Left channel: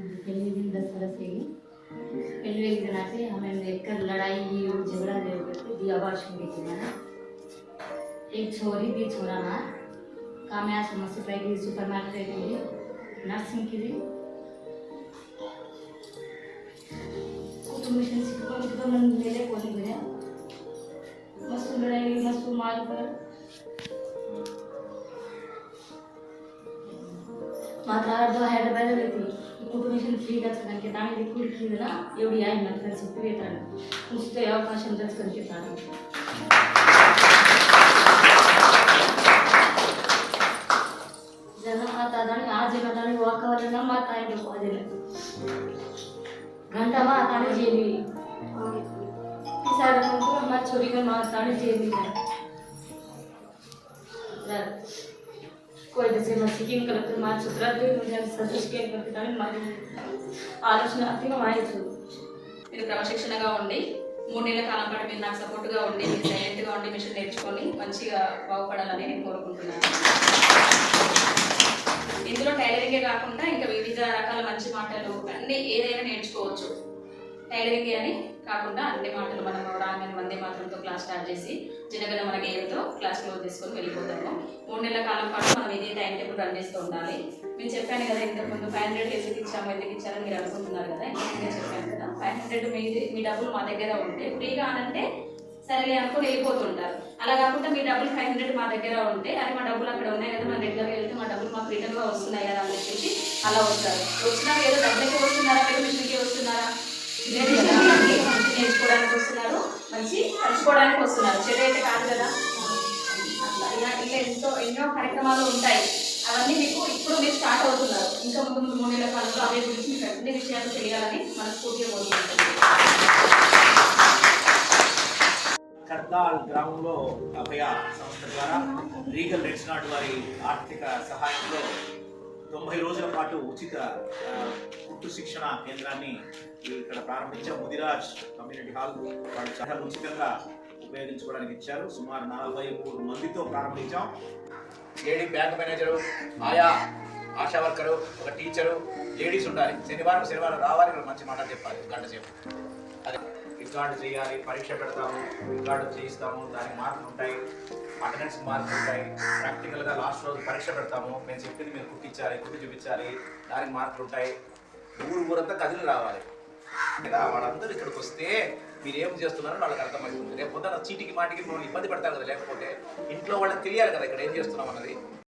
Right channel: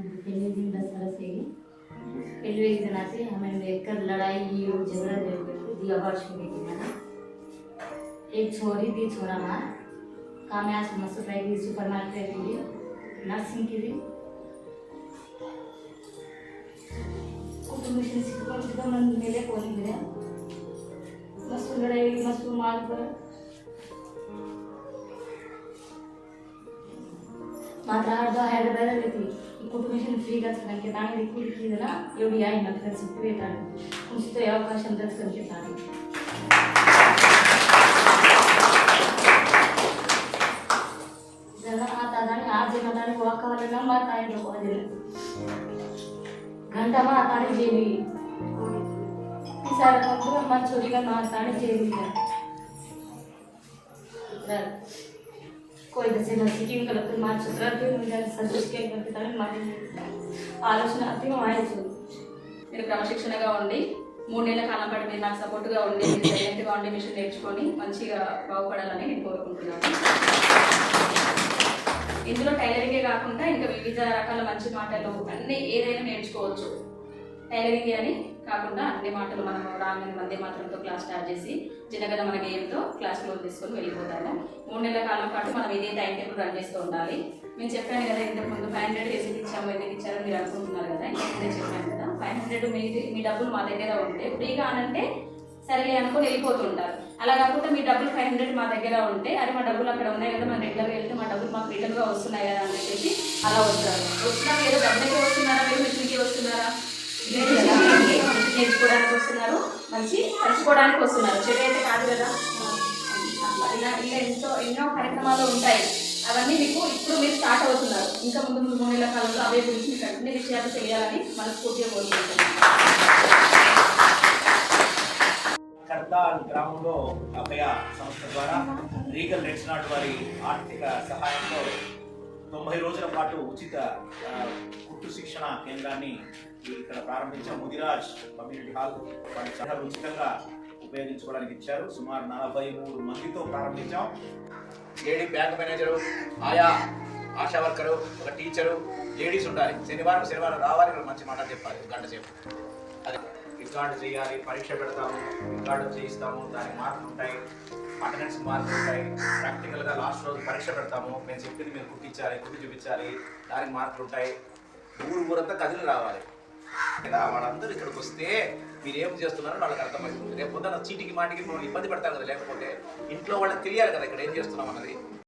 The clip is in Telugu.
पहले दिन 10 साल से ही पहले एक दिन आते हमें देखकर लड़ाई झगड़ा दी आवाज सुनी थी मैंने एक छोरी दी छोरा मार काम है समस्या पैकी सुपर मार्केट की नर्सिंग की थी कुछ मिशन सीखने की तो मन मेले को नहीं मिला मस्त लड़ाई मस्त माल पर मात्र हैदराबाद थी कुटुंब फ्री के दाणी कुड़कीदना एवढी आहे मात्र सिक्की येताना उचित अवकाशं తెలుసుకుంటాను जन आता दाणी आज घटाने वाकवलना माता आहे वाजले घंटा मा ताणी जेली तिसार कोणतो मा छोरी का मा ताणी जेली जर कोई जैसे मैं सिक्किम कलेक्टर मार सुधरत मुझे संतोष के करते मारी ఆలోచన అతిమయ్యచ్చు మీరు క్రమశిక్షణగా ఉండి 3 నెలల కాలం పాటు మీరు నాకు సపోర్ట్గా ఉండి మీరు సైలెంట్గా ఉండి మిషన్ నేర్చుకొని మంచిగా బాగుపడాలని నేను కోరుకుంటున్నాను. ఇందులో టైలరింగే కాకుండా ఇంకా వివిధ రకాల మంచి మాటలు అన్నీ ఏదైనా నేర్చుకోవచ్చు. టైలరింగే అని కాకుండా అన్ని మాటలు మనం రాగానే వందే మాత్రంతో క్లాస్ స్టార్ట్ చేసి చిన్నగా మన గేమ్తో క్లాస్ క్లోజ్ చేసుకొని వెళ్ళిపోతాము. 3 నెలల కాలం పాటు మనం ఇదే టైం టేబుల్ రన్ చేస్తూ ఉండాలి. నేను చెప్పాను కదా ఇంతకుముందు 500 ఎందుకు ఇచ్చాము ఎందుకు ఇచ్చారని మీరు అనుకుంటున్నారు కదా. నేను చెప్పాను కదా 500 మీ డబ్బులు మా దగ్గర ఉంటే ఫ్రీగా అనంటే సరే అనుకుని వెళ్ళిపోతుంటారు. అలా కాకుండా మీ డబ్బులు 500 మా దగ్గర ఉంటే అరే మా డబ్బులు అక్కడ ఉన్నాయి కదా మనం రెగ్యులర్గా వెళ్తే మా డబ్బులు మాకు రిటర్న్గా వస్తున్నాయి కదా అని చెప్పేసి అలా వస్తారు. వచ్చినాక ఏదో డబ్బులకే వస్తున్నారా మీరు మిషన్కి వస్తున్నారా లేదు కదా. మంచి నేర్చుకోవడానికి వస్తున్నారు మంచి పంచుకోవడానికి వస్తున్నారు చెడు అయితే కాదు కదా. అట్లా ఇలా ఎన్నో కార్యక్రమాలు ఉంటాయి. అవన్నీ మీకు ఇప్పుడు మీరు స్టార్ట్ అవుతున్నారు. ఇంకా ముందు 3 నెలల కాలంలో అవే గురించి మీకు అన్ని విషయాలు చేయాలని మనస్ఫూర్తిగా కోరుకుంటున్నాను. కర్దాల్ గ్రామంలో అభయ సంస్థ ద్వారా రీగల్ రెడ్ నాట్ వారి ఆర్థిక సహాయంతో 90 రోజుల పాటు ఉచిత కుట్టు శిక్షణ కేంద్రాన్ని ఇక్కడ ప్రారంభించాం. ముదిరాజ్ కమ్యూనిటీ హాల్ వాళ్ళు చాలా ఉచితంగా ఉపయోగించుకోవడానికి ఇచ్చారు. సుమారు 43 మందితో ప్రారంభించాం. లేడీ బ్యాంక్ మేనేజరు, ఆయా ఆశా వర్కరు, ఒక టీచరు, లేడీస్ ఉండాలి. శనివారం రావాలి, మంచి మాట చెప్పాలి గంట సేపు. అదే రికార్డు చేయాలి, పరీక్ష పెడతాము, రికార్డు చేయిస్తాము, దానికి మార్కులు ఉంటాయి, అటెండెన్స్ మార్కులు ఉంటాయి. ప్రాక్టికల్గా లాస్ట్ రోజు పరీక్ష పెడతాము, మేము చెప్పింది మీరు కుట్టి చూపించాలి, దానికి మార్కులు ఉంటాయి. ఊరంతా కదిలి రావాలి కదా. వాళ్ళందరూ ఇక్కడికి వస్తే మీరు ఏం చేస్తున్నారో వాళ్ళకి అర్థమవుతుంది. రేపు పొద్దున్న చీటికి మాటికి మనం ఇబ్బంది పడతారు కదా. లేకపోతే ఇంట్లో వాళ్ళకి తెలియాలి కదా ఇక్కడ ఏం చేస్తున్నాం అన్నది.